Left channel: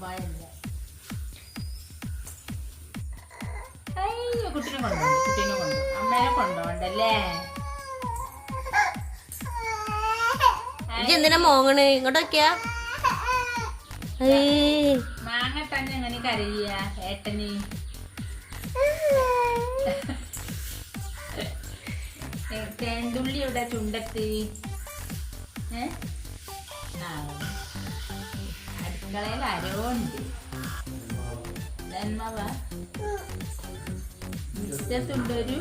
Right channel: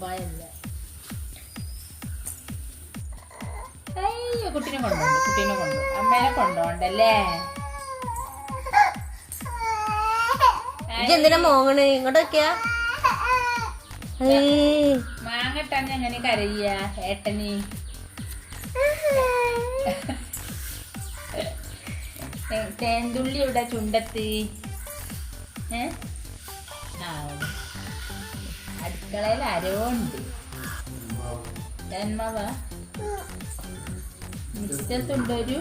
കുമ്പായല്ല. അയ്യോ കുട്ടീനെ കൊണ്ടോ അമ്മേനെ കൊണ്ടോണ്ടല്ലേ. എന്തിനാ മോങ്ങണ്? ഇങ്ങോട്ടൊക്കെയാ മാങ്ങട്ടാണ് അങ്ങനെ കരയ്യ ഏട്ടന്. തേന്തുള്ളി ഇവിടെ ചുണ്ടത്ത്. അടുക്കളയിൽ ആരോ ഉണ്ട്. മുറ്റത്തുണ്ടൊരു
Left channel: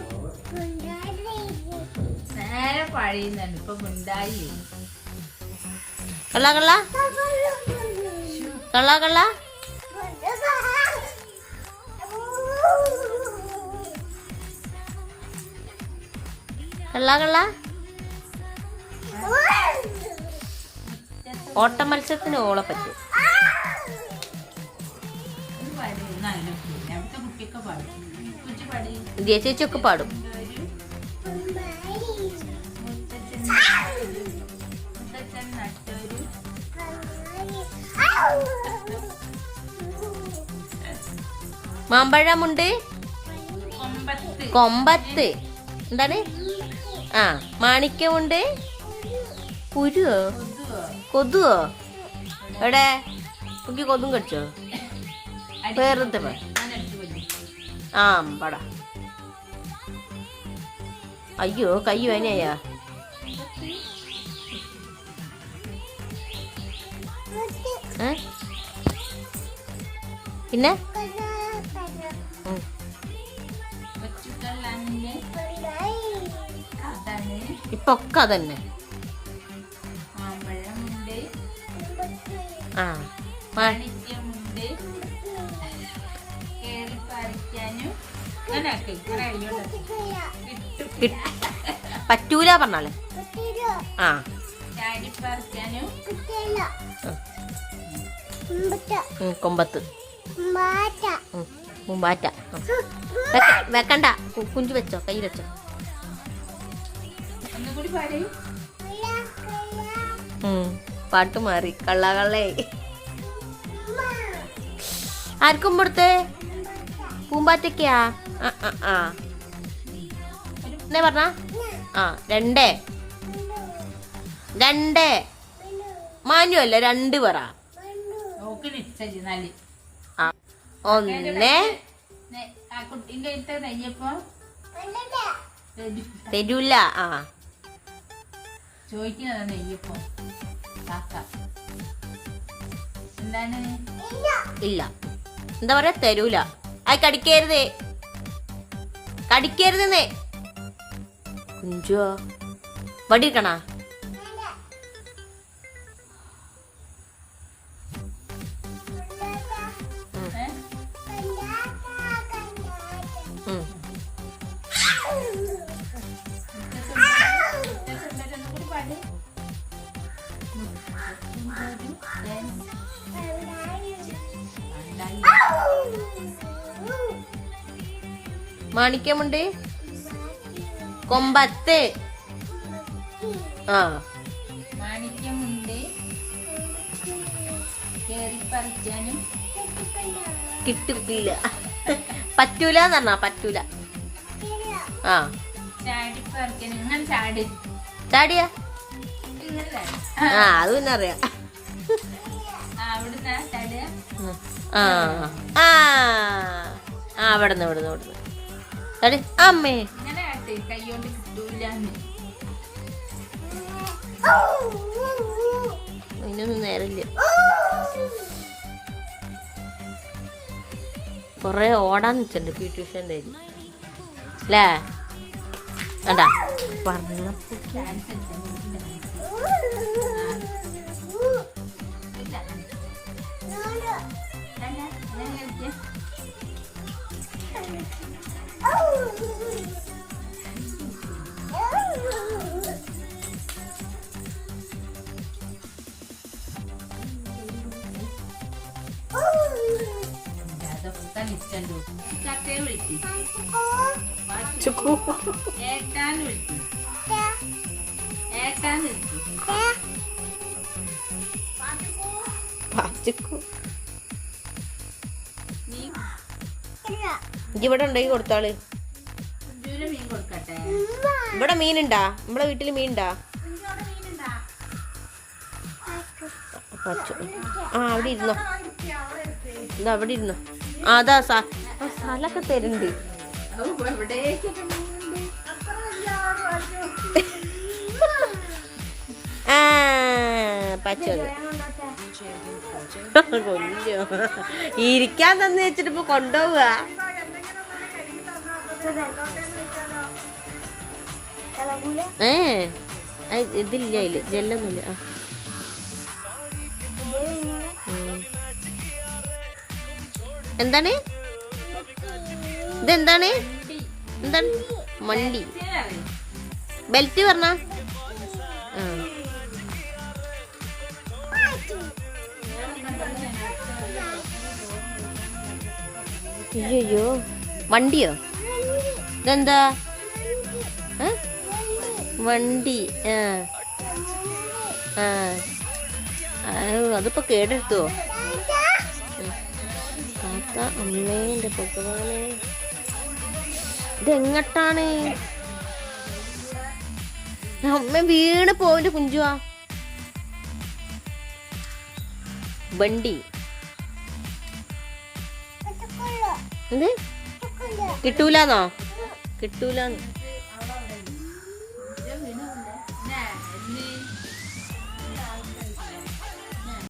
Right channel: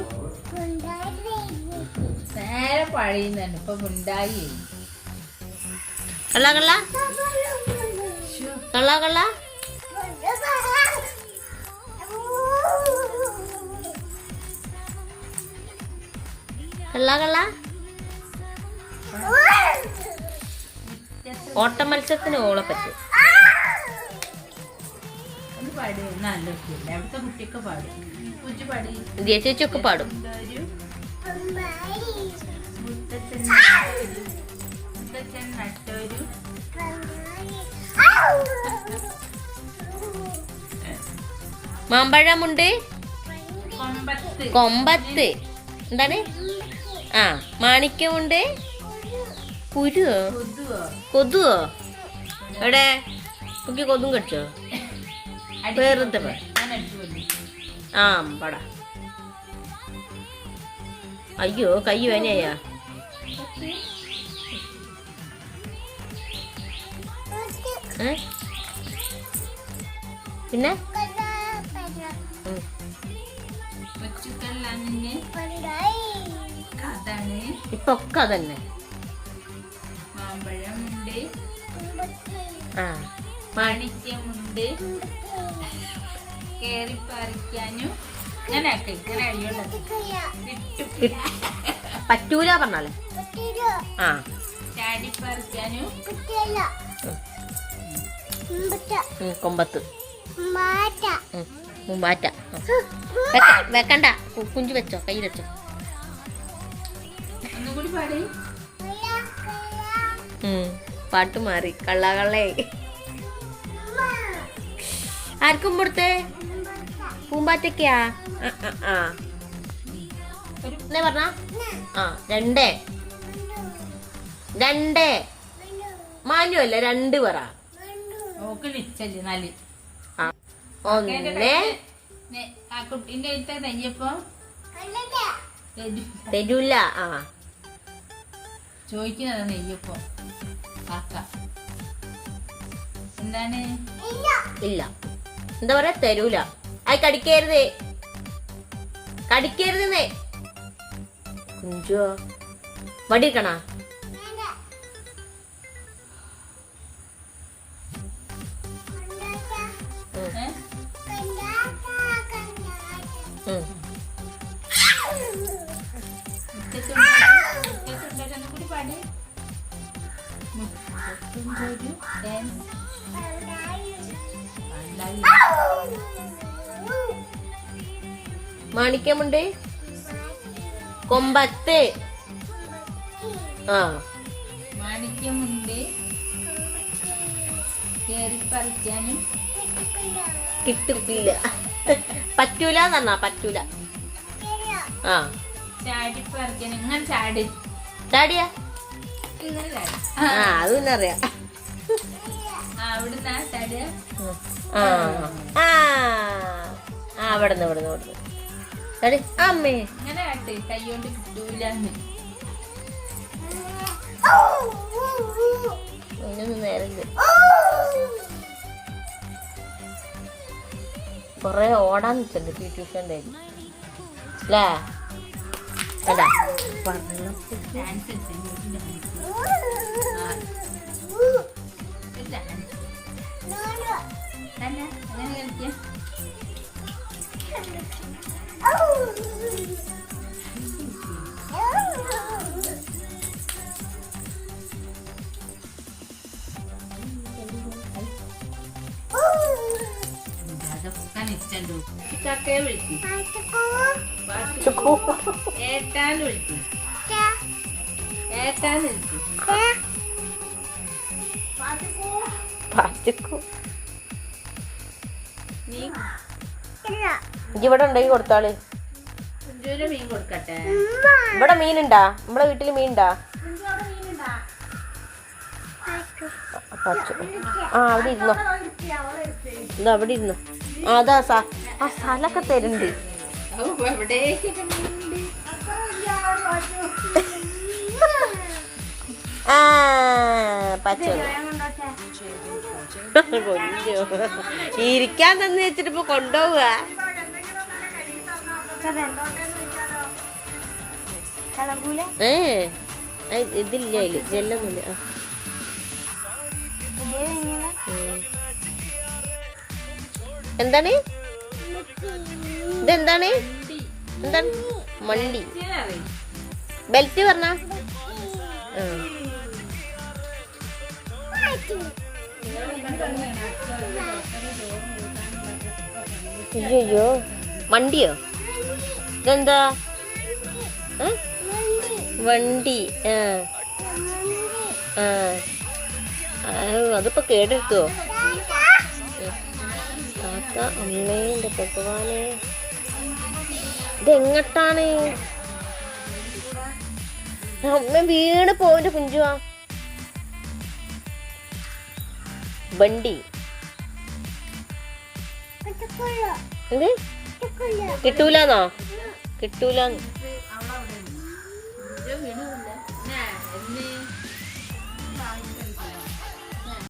നേരെ പഴിയുന്നുണ്ട്. ഇപ്പൊ മുണ്ടായി കള്ള കള്ള കള്ള കള്ള കള്ള കള്ള. ഓട്ട മത്സരത്തിന് ഓളെ പറ്റും. ചേച്ചിയൊക്കെ പാടും. മാമ്പഴമുണ്ട് കൊമ്പത്ത്. എന്താണ്? ആ മാണിക്യമുണ്ട്. കുരുവോ കൊതുവോ? എവിടെ കുട്ടി കൊതും കടിച്ചോ? വേറെന്താ ആ പട. അയ്യോ കൈ വേനയാ. പിന്നെ ഇപ്പൊ ഒക്കെ അതന്നെ. ആ മാണിക്യമുണ്ട്. കേറി പറിക്കാനും പറ്റൂല പറഞ്ഞാലേ. ആ ചാടി പറിക്കാനും കൊമ്പത്ത് മുമ്പാറ്റ. വെക്കണ്ട കുഞ്ചു വെച്ചോ, കയ്യിൽ വെച്ചോ. ഒന്നുകൂടി പാടി. പാട്ട് മാറി. കള്ള കള്ളേ. ആർക്കും കൊടുത്തേ? പൂമ്പാറ്റയ്ക്കാ? എന്നാ പറഞ്ഞ? ആ രണ്ടേ മാനുവല്ല രണ്ട് പറ. ഒന്ന് കുട്ടീന്റെ നെയ്യപ്പം തരൂല. ആ ചോദിക്കുന്നത് നെയ്യപ്പം എന്താണ്? ഇല്ല എന്താ പറയാ? തരൂല. അത് കടിക്കരുതെന്നേ. കുഞ്ചോ വടിക്കണ. മാണിക്യമുണ്ട് കൊമ്പത്ത്. ആ മാണിക്യമുണ്ട്. കേറി പറിക്കാനും കിട്ടില്ല. പറ്റൂല പറഞ്ഞ പറ്റൂല. ആ ചാടി പറിക്കാനും. ഇങ്ങനെ ചാടി ചാടിയാ? ആ അത് പിന്നെ അറിയാം. അവിടുന്ന് ചാടിയ അവിടുന്ന് അമ്മേ ഇങ്ങനെ ആട്ടെ. കൈകൊണ്ട് കിട്ടൂല. അതിനൊന്നും നേരമില്ല. കൊറേ ഓടാൻ വെച്ചിട്ടുണ്ട് പി ട്യൂഷൻ്റെ അല്ലേ? അല്ല ചക്കയെ വിളിച്ചു ഏട്ടാന്ന് വിളിച്ചു. ഇജ്ജ് ഇവിടെ ഉണ്ടെങ്കിൽ കൊടുത്താള്. കുഞ്ചുവിന് മീൻ കൊടുക്കട്ടെ. ഇവിടെ മീനുണ്ടാ? നമ്മുടെ വീട്ടില് മീനുണ്ടാ? കുഞ്ചു അവിടെ മീനുണ്ടാ? ആ അവിടെ ഇരുന്നോ, ഇതാ അവിടെ ഇരുന്നോ. ആ അതാ ആ സ്ഥലമൊക്കെ തരുന്നുണ്ട്. എവിടേക്കൊക്കെ മീനുണ്ട്? ആ പച്ച ഇരിക്കാൻ തന്നെ വെച്ചിട്ട് ഇപ്പൊ കൊണ്ടുപോവുക. ഇതില്ല അതില് ജെല്ലൊന്നുമില്ല. എന്താണ് ഇതെന്താണ്? എന്താണ് മണ്ടി? ബെൽറ്റ് പറഞ്ഞ അയ്യോ വണ്ടിയോ? ഇതെന്താ? വണ്ടി. അതിപ്പോ കേടെടുത്തോ? അമ്മേന്റെ ഭഗവാനെ, ഇതെങ്ങട്ടാണ്? അമ്മ വീണ് പോവിന്റെ കുഞ്ചുവാ. വണ്ടി എന്ത് കിട്ടൂലെന്നോ? കിട്ടൂലെന്ന്